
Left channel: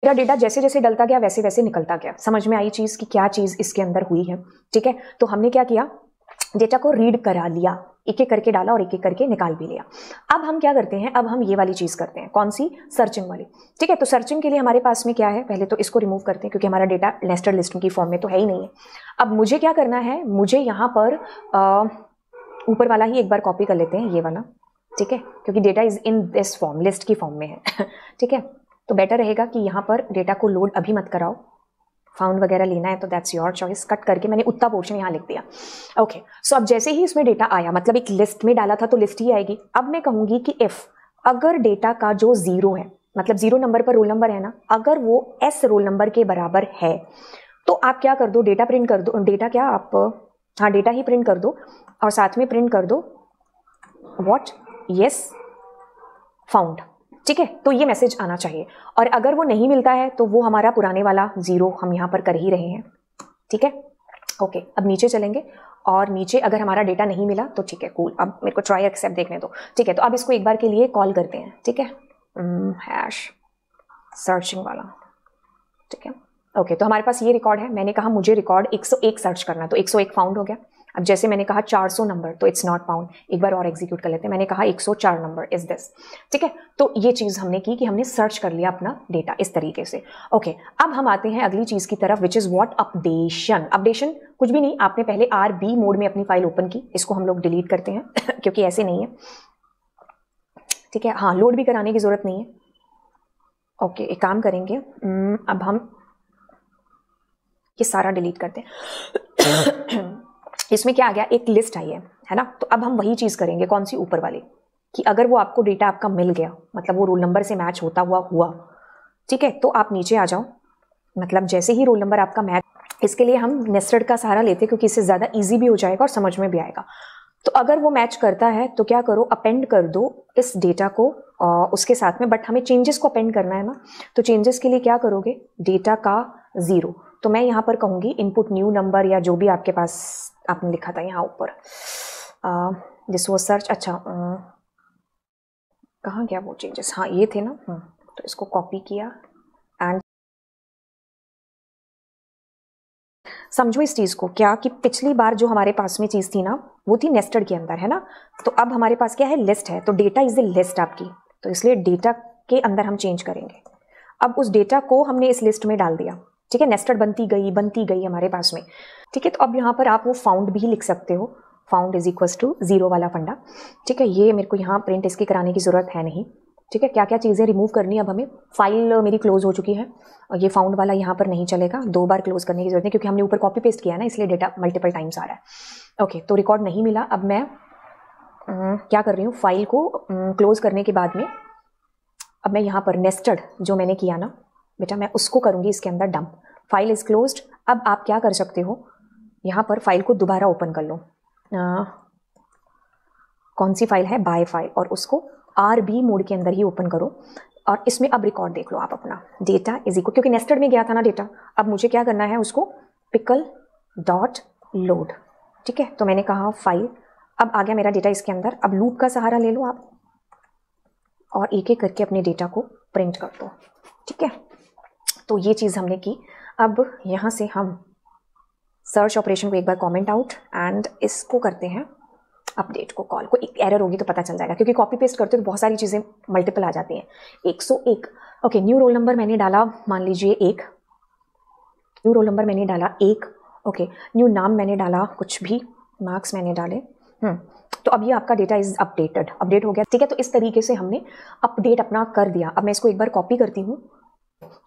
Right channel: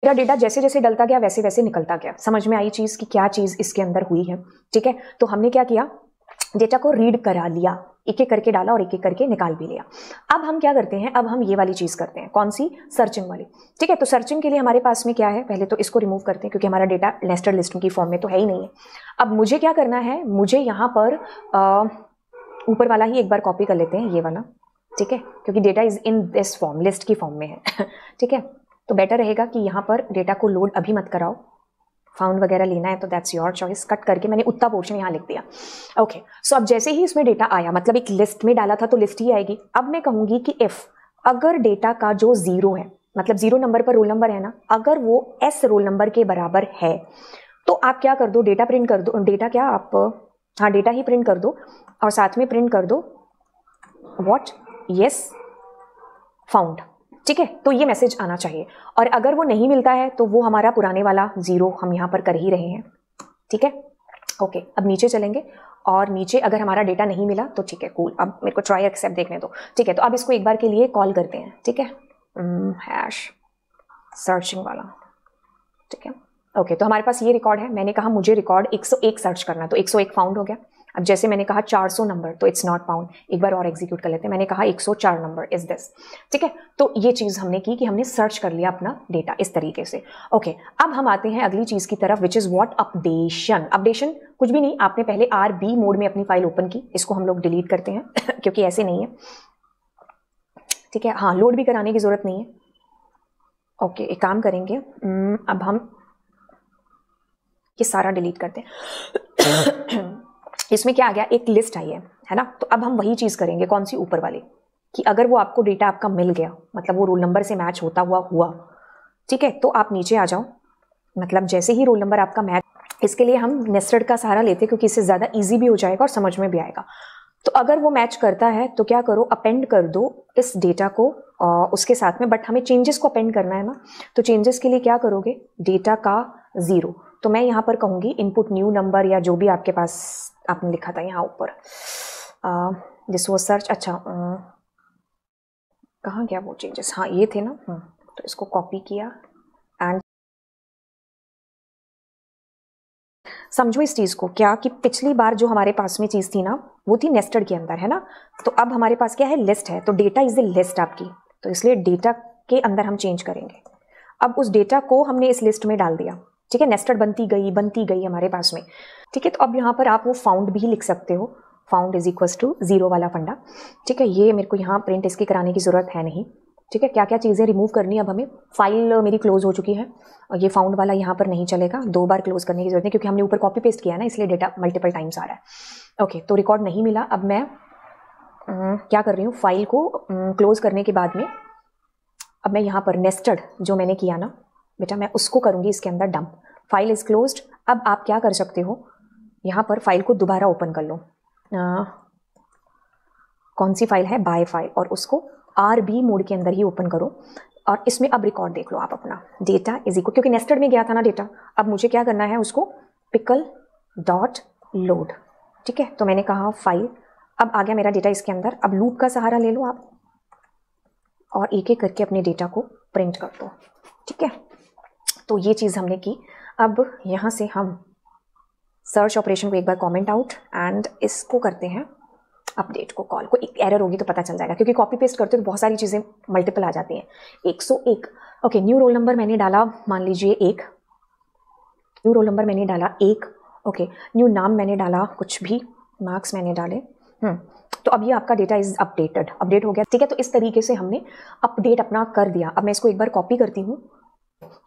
मेरा डेटा जैसे जैसे डलता गया वैसे वैसे निकलता गया, समझ में आई चीज कि क्या चीज इसके अंदर हुई है। ठीक है, तो हमने क्या किया, डेटा को रीड करा लिया, एक एक करके डाला और एक एक करके निकाल भी लिया। अब हम क्या करते हैं, अब हम ये वाली चीज करते हैं, कौन सी, सर्चिंग वाली। ठीक है, तो सर्चिंग के लिए हमारे पास में क्या है, पहले तो इसको रिमूव करते हैं क्योंकि हमारा डेटा नेस्टेड लिस्टिंग की फॉर्म में तो है ही नहीं है। अब मुझे क्या करना है, मुझे यहाँ पर ऊपर वाला ही एक बार कॉपी कर लेते हैं, ये वाला। ठीक है, क्योंकि data is in this form, list की फॉर्म में है। ठीक है, तो बेटर रहेगा कि यहाँ पर डेटा को लोड अभी मत कराओ, फाउंड वगैरह लेना है तो दैट्स योर चॉइस। कट करके मैंने उतना पोर्शन यहाँ लिख दिया। ओके, सो अब जैसे ही इसमें डेटा आया, मतलब एक लिस्ट में डाला था तो लिस्ट ही आएगी। अब मैं कहूंगी कि इफ, अगर डेटा का जो 0 है, मतलब 0 नंबर पर रोल नंबर है ना, अगर वो S रोल नंबर के बराबर है तो आप क्या कर दो, डेटा प्रिंट कर दो, डेटा क्या आप, हाँ डेटा ही प्रिंट कर दो, और साथ में प्रिंट कर दो व्हाट, यस फाउंड। ठीक है, तो ये मैसेज आना चाहिए। और अगर वो नहीं मिलता है तो वो हमारा पुराने वाला 0 हम यहाँ पर कर ही रहे हैं। ठीक है, ओके, अब नीचे चलेंगे, और नीचे अगर हमारा डेटा नहीं मिला तो ठीक है, कूल, अब मेरे को ट्राई एक्सेप्ट देखने दो। ठीक है, तो अब इसको एक बार के लिए कॉल करते हैं। ठीक है, हैश सर्चिंग वाला। ठीक है, ओके, तो हमारे पास ये रिकॉर्ड है। मैंने कहा मुझे रिकॉर्ड 101 सर्च करना, तो 101 फाउंड हो गया। अब जैसे मैंने कहा 400 नंबर, तो इट्स नॉट फाउंड। एक बार और एग्जीक्यूट कर लेते हैं, मैंने कहा 104 नंबर इज दिस। ठीक है, तो ये चीज हमने की कि हमने सर्च कर लिया अपना डेटा इस तरीके से। ओके, अब हम आते हैं अगली चीज की तरफ, which is what, updation. Updation कुछ भी नहीं, आपने पहले RB मोड में अपनी फाइल ओपन की, इसको हम लोग डिलीट करते हैं क्योंकि ऐसे नहीं है। ठीक है, हाँ, लोड भी कराने की जरूरत नहीं है। ओके, एक काम करेंगे, अब हम ये सारा डिलीट करते हैं। इसमें क्या आ गया, एक लिस्ट आई है ना, तो अब हम वही चीज करेंगे, कौन सी, ऊपर वाली, कि अगर वो आपको डेटा आपका मिल गया, मतलब वो रोल नंबर से मैच होता हुआ, ठीक है, तो आप नीचे आ जाओ। मतलब जैसे ही रोल नंबर आपका मैच, इसके लिए हम नेस्टेड का सहारा लेते हैं क्योंकि इससे ज्यादा इजी भी हो जाएगा और समझ में भी आएगा। तो अगर वो मैच करता है तो क्या करो, अपेंड कर दो इस डेटा को उसके साथ में, बट हमें चेंजेस को अपेंड करना है ना, तो चेंजेस के लिए क्या करोगे, डेटा का 0, तो मैं यहाँ पर कहूंगी इनपुट न्यू नंबर, या जो भी आपके पास आपने लिखा था यहाँ ऊपर, दिस वाज सर्च। अच्छा, कहाँ गया वो चेंजेस, हाँ ये थे ना। तो इसको कॉपी किया एंड समझो इस चीज को, क्या कि पिछली बार जो हमारे पास में चीज थी ना, वो थी नेस्टेड के अंदर, है ना, तो अब हमारे पास क्या है, लिस्ट है, तो डेटा इज ए लिस्ट आपकी, तो इसलिए डेटा के अंदर हम चेंज करेंगे। अब उस डेटा को हमने इस लिस्ट में डाल दिया। ठीक है, नेस्टेड बनती गई हमारे पास में। ठीक है, तो अब यहाँ पर आप वो फाउंड भी लिख सकते हो, फाउंड इज इक्वल टू 0 वाला फंडा। ठीक है, ये मेरे को यहाँ प्रिंट इसकी कराने की जरूरत है नहीं। ठीक है, क्या क्या चीजें रिमूव करनी है अब हमें, फाइल मेरी क्लोज हो चुकी है, और ये फाउंड वाला यहाँ पर नहीं चलेगा, 2 बार क्लोज करने की जरूरत नहीं क्योंकि हमने ऊपर कॉपी पेस्ट किया ना, इसलिए डेटा मल्टीपल टाइम्स आ रहा है। ओके, तो रिकॉर्ड नहीं मिला। अब मैं क्या कर रही हूँ, फाइल को क्लोज करने के बाद में अब मैं यहाँ पर नेस्टेड जो मैंने किया ना बेटा, मैं उसको करूंगी इसके अंदर डंप। File is closed. अब आप क्या कर सकते हो, यहाँ पर फाइल को दोबारा ओपन कर लो। कौन सी फाइल है, बाय फाइल, और उसको RB मोड के अंदर ही ओपन करूँ। और इसमें अब रिकॉर्ड देख लो आप अपना, डेटा इज इक्वल, क्योंकि नेस्टेड में गया था ना डेटा, अब मुझे क्या करना है उसको पिकल डॉट लोड। ठीक है, तो मैंने कहा फाइल, अब आ गया मेरा डेटा इसके अंदर। अब लूप का सहारा ले लो आप और एक एक करके अपने डेटा को प्रिंट कर दो। ठीक है, तो ये चीज़ हमने की। अब यहाँ से हम सर्च ऑपरेशन को एक बार कमेंट आउट एंड इसको करते हैं अपडेट को कॉल। कोई एरर होगी तो पता चल जाएगा, क्योंकि कॉपी पेस्ट करते तो बहुत सारी चीज़ें मल्टीपल आ जाती हैं। 101 ओके, न्यू रोल नंबर मैंने डाला, मान लीजिए 1, न्यू रोल नंबर मैंने डाला 1, ओके, न्यू नाम मैंने डाला कुछ भी, मार्क्स मैंने डाले, तो अब ये आपका डेटा इज अपडेटेड, अपडेट हो गया। ठीक है, तो इस तरीके से हमने अपडेट अपना कर दिया। अब मैं इसको एक बार कॉपी करती हूँ,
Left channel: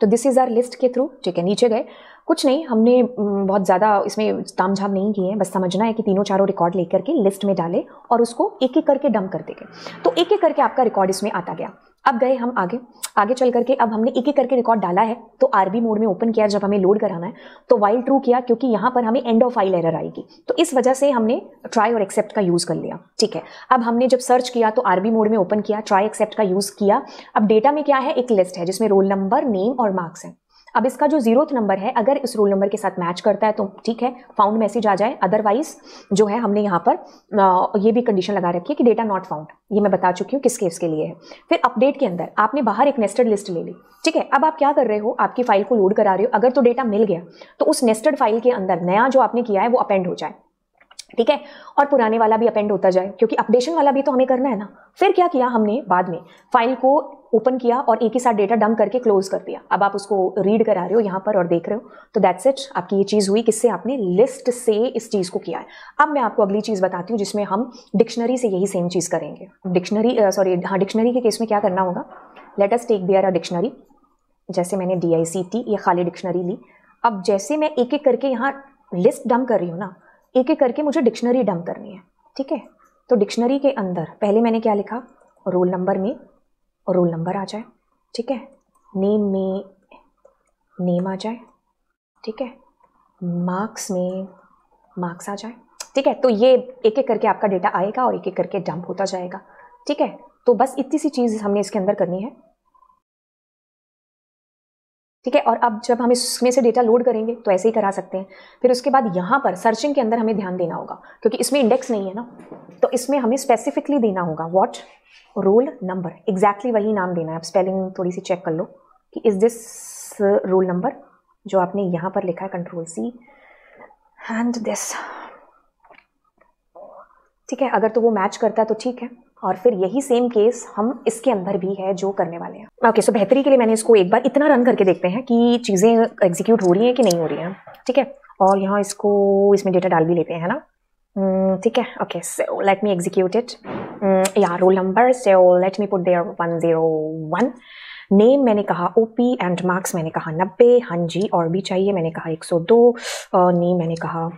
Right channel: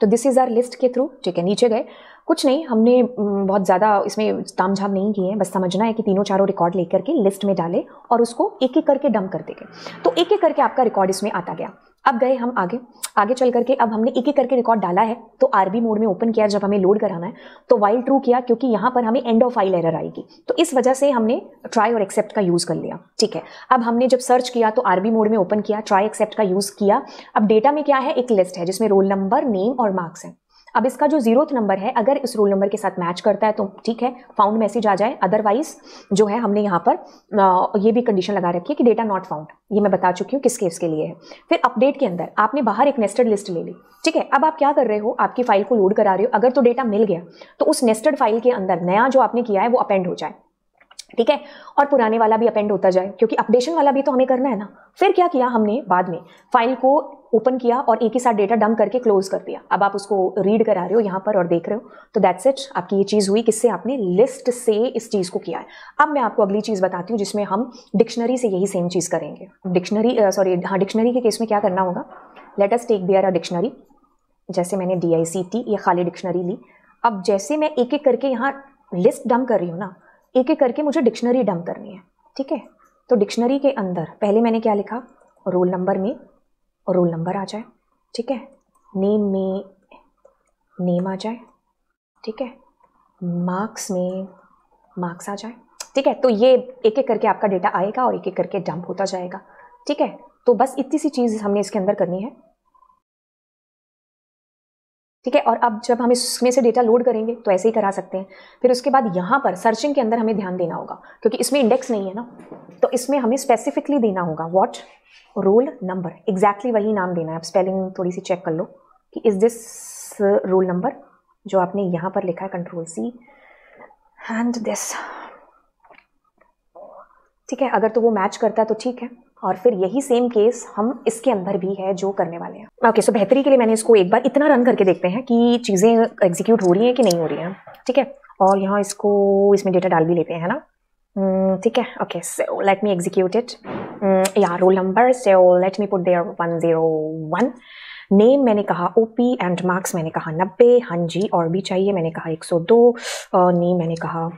तो दिस इज आर लिस्ट के थ्रू। ठीक है, नीचे गए, कुछ नहीं, हमने बहुत ज़्यादा इसमें तामझाम नहीं किए हैं, बस समझना है कि तीनों चारों रिकॉर्ड लेकर के लिस्ट में डाले और उसको एक एक करके डंप कर देंगे। तो एक एक करके आपका रिकॉर्ड इसमें आता गया। अब गए हम आगे, आगे चल करके अब हमने एक एक करके रिकॉर्ड डाला है, तो RB मोड में ओपन किया जब हमें लोड कराना है, तो वाइल ट्रू किया, क्योंकि यहाँ पर हमें एंड ऑफ फाइल एरर आएगी, तो इस वजह से हमने ट्राई और एक्सेप्ट का यूज़ कर लिया। ठीक है, अब हमने जब सर्च किया तो RB मोड में ओपन किया, ट्राई एक्सेप्ट का यूज़ किया। अब डेटा में क्या है, एक लिस्ट है जिसमें रोल नंबर, नेम और मार्क्स है। अब इसका जो 0th नंबर है, अगर इस रोल नंबर के साथ मैच करता है तो ठीक है, फाउंड मैसेज आ जाए, अदरवाइज जो है हमने यहाँ पर ये भी कंडीशन लगा रखी है कि डेटा नॉट फाउंड। ये मैं बता चुकी हूँ किस केस के लिए है। फिर अपडेट के अंदर आपने बाहर एक नेस्टेड लिस्ट ले ली। ठीक है, अब आप क्या कर रहे हो, आपकी फाइल को लोड करा रहे हो, अगर तो डेटा मिल गया तो उस नेस्टेड फाइल के अंदर नया जो आपने किया है वो अपेंड हो जाए। ठीक है, और पुराने वाला भी अपेंड होता जाए, क्योंकि अपडेशन वाला भी तो हमें करना है ना। फिर क्या किया हमने, बाद में फाइल को ओपन किया और एक ही साथ डेटा डंप करके क्लोज कर दिया। अब आप उसको रीड करा रहे हो यहाँ पर और देख रहे हो, तो दैट्स इट, आपकी ये चीज़ हुई, किससे, आपने लिस्ट से इस चीज़ को किया है। अब मैं आपको अगली चीज़ बताती हूँ जिसमें हम डिक्शनरी से यही सेम चीज़ करेंगे। डिक्शनरी के केस में क्या करना होगा, let us take there a dictionary, जैसे मैंने DICT ये खाली डिक्शनरी ली। अब जैसे मैं एक एक करके यहाँ लिस्ट डंप कर रही हूँ ना, एक एक करके मुझे डिक्शनरी डंप करनी है। ठीक है, तो डिक्शनरी के अंदर पहले मैंने क्या लिखा, रोल नंबर में रोल नंबर आ जाए। ठीक है, नेम में नेम आ जाए। ठीक है, मार्क्स में मार्क्स आ जाए। ठीक है, तो ये एक एक करके आपका डेटा आएगा और एक एक करके डंप होता जाएगा। ठीक है, तो बस इतनी सी चीज़ हमने इसके अंदर करनी है। ठीक है, और अब जब हम इसमें से डेटा लोड करेंगे तो ऐसे ही करा सकते हैं। फिर उसके बाद यहाँ पर सर्चिंग के अंदर हमें ध्यान देना होगा, क्योंकि इसमें इंडेक्स नहीं है ना, तो इसमें हमें स्पेसिफिकली देना होगा व्हाट, रोल नंबर, एग्जैक्टली वही नाम देना है। अब स्पेलिंग थोड़ी सी चेक कर लो कि इज दिस रोल नंबर जो आपने यहाँ पर लिखा है, Ctrl+C एंड दिस। ठीक है, अगर तो वो मैच करता है तो ठीक है, और फिर यही सेम केस हम इसके अंदर भी है जो करने वाले हैं। ओके, सो बेहतरी के लिए मैंने इसको एक बार इतना रन करके देखते हैं कि चीज़ें एग्जीक्यूट हो रही हैं कि नहीं हो रही हैं। ठीक है, और यहाँ इसको इसमें डेटा डाल भी लेते हैं, है ना। ठीक है, okay, so let me execute it. या roll number, so let me put there 101। Name मैंने कहा OP एंड मार्क्स मैंने कहा 90। हाँ जी, और भी चाहिए, मैंने कहा 102। नेम मैंने कहा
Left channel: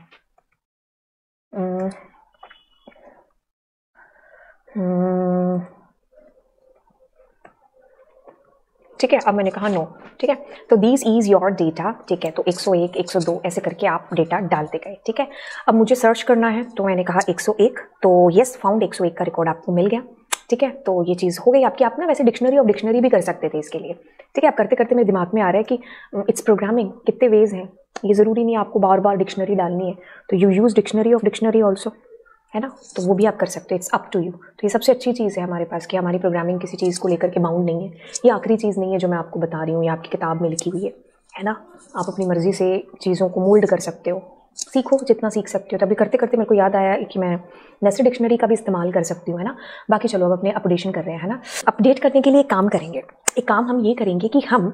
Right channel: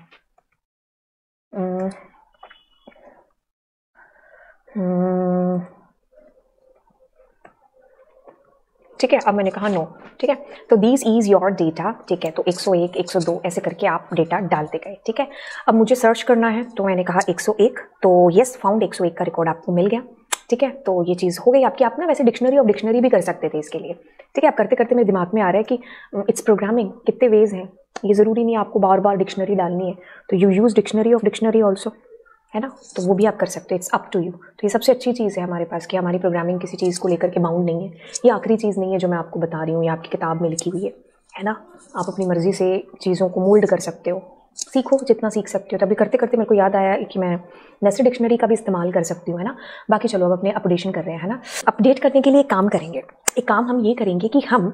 ठीक है, अब मैंने कहा नो। ठीक है, तो दिस इज योर डेटा। ठीक है, तो 101, 102 ऐसे करके आप डेटा डालते गए। ठीक है, अब मुझे सर्च करना है, तो मैंने कहा 101, तो यस फाउंड 101 का रिकॉर्ड आपको मिल गया। ठीक है, तो ये चीज़ हो गई आपकी। आप ना वैसे डिक्शनरी और डिक्शनरी भी कर सकते थे इसके लिए। ठीक है, आप करते करते मेरे दिमाग में आ रहा है कि इट्स प्रोग्रामिंग, कितने वेज हैं, ये ज़रूरी नहीं है आपको बार बार डिक्शनरी डालनी है, तो you use dictionary of dictionary also, है ना, तो वो भी आप कर सकते हैं। It's up to you. तो ये सबसे अच्छी चीज़ है हमारे पास कि हमारी प्रोग्रामिंग किसी चीज़ को लेकर के बाउंड नहीं है। ये आखिरी चीज़ नहीं है जो मैं आपको बता रही हूँ, ये आपकी किताब में लिखी हुई है ना। आप अपनी मर्जी से चीज़ों को मोल्ड कर सकते हो, सीखो जितना सीख सकते हो। तभी करते करते मेरे को याद आया कि मैं नेस्टेड डिक्शनरी का भी इस्तेमाल कर सकती हूँ, है ना। बाकी चलो अब अपने अपडेशन कर रहे हैं, है ना। अपडेट करने के लिए एक काम करेंगे, एक काम हम ये करेंगे कि हम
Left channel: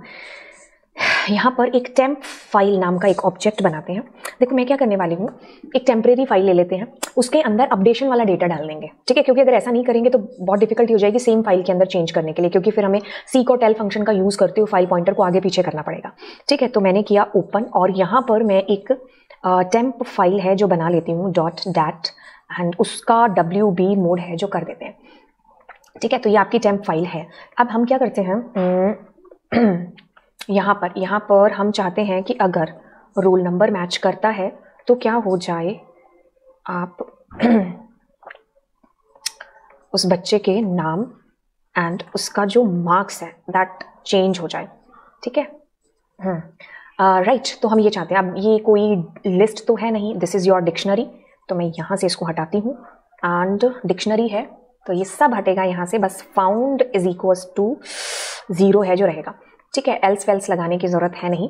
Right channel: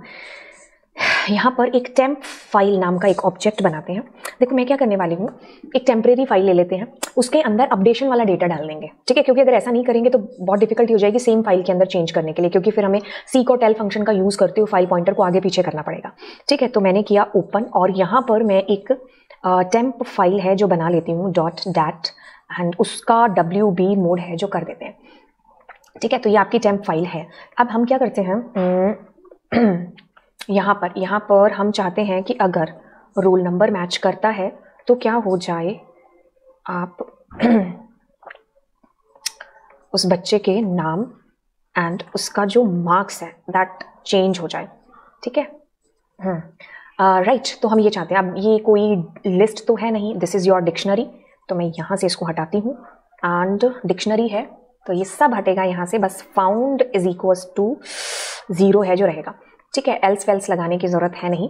यहाँ पर एक टेम्प फाइल नाम का एक ऑब्जेक्ट बनाते हैं। देखो मैं क्या करने वाली हूँ, एक टेम्परेरी फाइल ले लेते हैं, उसके अंदर अपडेशन वाला डेटा डाल देंगे। ठीक है, क्योंकि अगर ऐसा नहीं करेंगे तो बहुत डिफिकल्टी हो जाएगी सेम फाइल के अंदर चेंज करने के लिए, क्योंकि फिर हमें सीक और टेल फंक्शन का यूज़ करते हुए फाइल पॉइंटर को आगे पीछे करना पड़ेगा। ठीक है, तो मैंने किया ओपन, और यहाँ पर मैं एक टेम्प फाइल है जो बना लेती हूँ .dat एंड उसका WB मोड है जो कर देते हैं। ठीक है, तो ये आपकी टेम्प फाइल है। अब हम क्या करते हैं, यहाँ पर हम चाहते हैं कि अगर रोल नंबर मैच करता है तो क्या हो जाए, आप उस बच्चे के नाम एंड उसका जो मार्क्स है दैट चेंज हो जाए, ठीक है। राइट, तो हम ये चाहते हैं। अब ये कोई लिस्ट तो है नहीं, दिस इज़ योर डिक्शनरी, तो मैं यहाँ से इसको हटाती हूँ एंड डिक्शनरी है तो ये सब हटेगा यहाँ से, बस फाउंड इज इक्वल्स टू 0 है जो रहेगा, ठीक है। एल्स वेल्स लगाने की ज़रूरत है नहीं।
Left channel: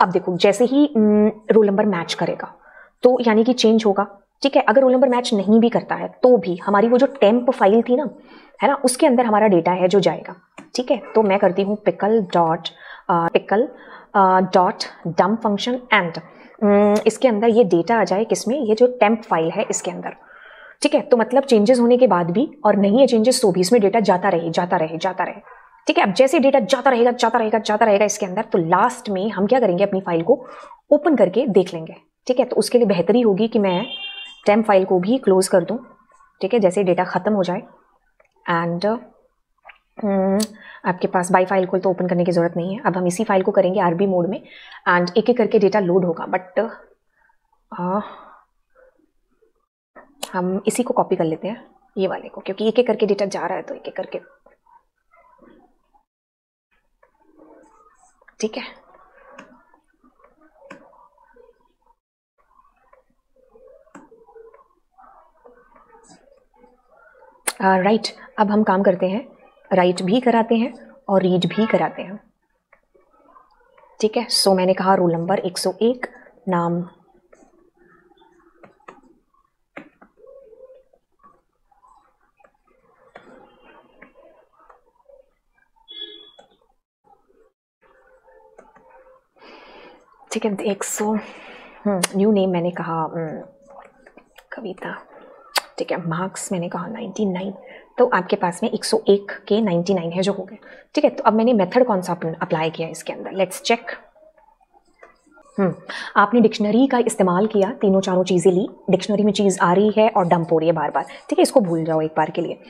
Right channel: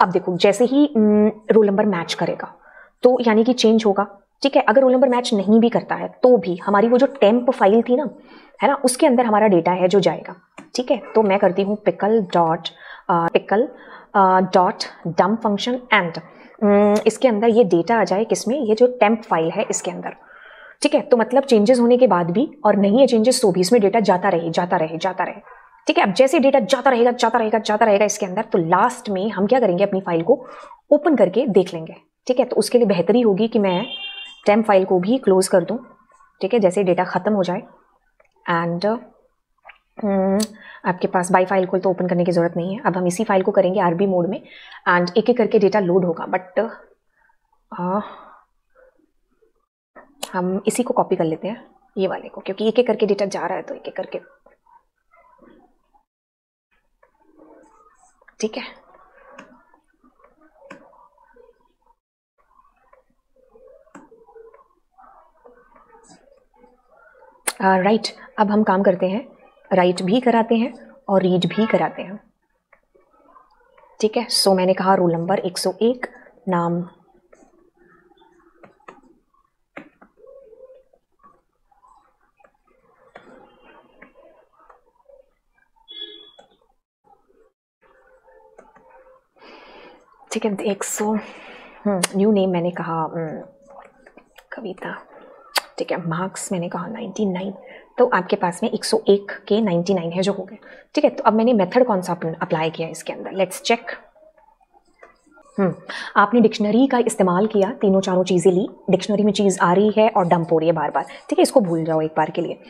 अब देखो जैसे ही रोल नंबर मैच करेगा तो यानी कि चेंज होगा, ठीक है। अगर रोल नंबर मैच नहीं भी करता है तो भी हमारी वो जो 10 फाइल थी ना, है ना, उसके अंदर हमारा डेटा है जो जाएगा, ठीक है। तो मैं करती हूँ pickle dot dump function and इसके अंदर ये डेटा आ जाए किसमें, ये जो टेम्प फाइल है इसके अंदर, ठीक है। तो मतलब चेंजेस होने के बाद भी और नहीं है चेंजेस तो भी इसमें डेटा जाता रहे जाता रहे जाता रहे, ठीक है। अब जैसे डेटा जाता रहेगा जाता रहेगा जाता रहेगा इसके अंदर, तो लास्ट में हम क्या करेंगे, अपनी फाइल को ओपन करके देख लेंगे, ठीक है। तो उसके लिए बेहतरी होगी कि मैं टेम्प फाइल को भी क्लोज कर दूं, ठीक है, जैसे डेटा खत्म हो जाए। एंड आपके पास बाई फाइल को तो ओपन करने की जरूरत नहीं है। अब हम इसी फाइल को करेंगे आरबी मोड में एंड एक एक करके डेटा लोड होगा, बट हम इसी को कॉपी कर लेते हैं ये वाले को, क्योंकि एक एक करके डेटा जा रहा है तो एक एक करके, ठीक है। राइट, अब हम काम करते हैं, राइट भी कराते हैं और रीड भी कराते हैं, ठीक है। सो मैंने कहा रोल नंबर 101, नाम ठीक है 100, न्यू नेम मैंने कहा कविता, ठीक है। मार्क्स मैंने कहा 99, तो आपके पास में 101 के 99 है जो हो गए, ठीक है। तो अब मैंने मेथड कौन सा अप्लाई किया इसके अंदर, लेट्स चेक। आपने डिक्शनरी का इस्तेमाल किया, तीनों चारों चीज़ें ली, डिक्शनरी में चीज़ आ रही है और डंप हो रही है बार बार, ठीक है। इसको भूल जाओ एक बार के लिए।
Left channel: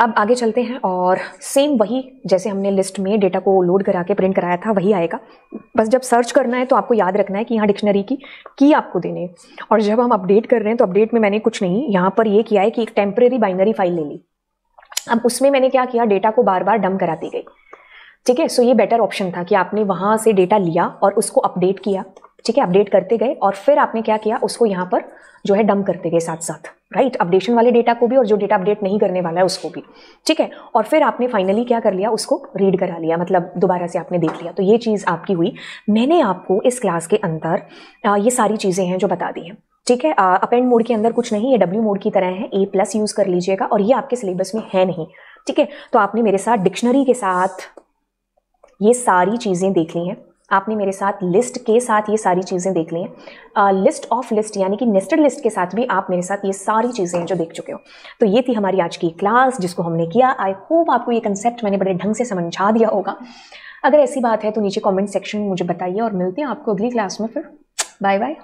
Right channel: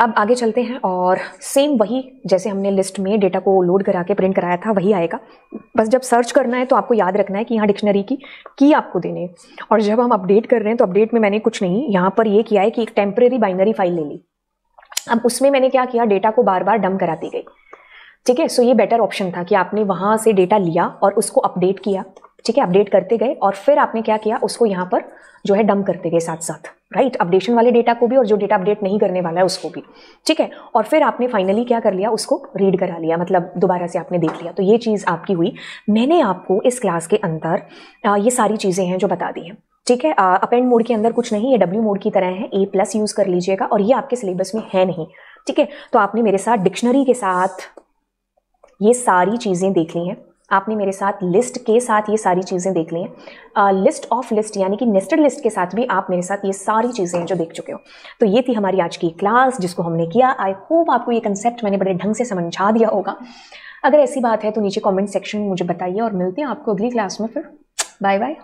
अब आगे चलते हैं और सेम वही जैसे हमने लिस्ट में डेटा को लोड करा के प्रिंट कराया था वही आएगा, बस जब सर्च करना है तो आपको याद रखना है कि यहाँ डिक्शनरी की आपको देने है। और जब हम अपडेट कर रहे हैं तो अपडेट में मैंने कुछ नहीं यहाँ पर ये किया है कि एक टेम्परेरी बाइनरी फाइल ले ली। अब उसमें मैंने क्या किया, डेटा को बार बार डंप कराती गई, ठीक है। सो ये बेटर ऑप्शन था कि आपने वहां से डेटा लिया और उसको अपडेट किया, ठीक है, अपडेट करते गए और फिर आपने क्या किया, उसको यहाँ पर जो है डंप करते गए साथ साथ, राइट, अपडेशन वाले डेटा को भी और जो डेटा अपडेट नहीं करने वाला है उसको भी, ठीक है। और फिर आपने फाइनली क्या कर लिया, उसको रीड करा लिया, मतलब दोबारा से आपने देख लिया। तो ये चीज़ आपकी हुई। मैंने आपको इस क्लास के अंदर ये सारी चीज़ें हैं जो बता दी हैं, ठीक है। अपेंड मोड के अंदर कुछ नहीं, ये डब्ल्यू मोड की तरह है, A+ यूज़ कर लीजिएगा और ये आपके सिलेबस में है नहीं, ठीक है। तो आपने मेरे साथ डिक्शनरी के साथ ये सारी चीज़ें देख ली हैं, आपने मेरे साथ लिस्ट के साथ ये सारी चीज़ें देख ली हैं, लिस्ट ऑफ लिस्ट यानी कि नेस्टेड लिस्ट के साथ भी आप मेरे साथ ये सारी चीज़ें हैं जो देख चुके हो। तो ये थी हमारी आज की क्लास जिसको हमने किया। आई होप आपको ये कंसेप्ट मैंने बड़े ढंग से समझा दिया होगा। अगर ऐसी बात है तो नीचे कमेंट सेक्शन में मुझे बताइए और मिलते हैं आपको अगली क्लास में। फिर बाय बाय।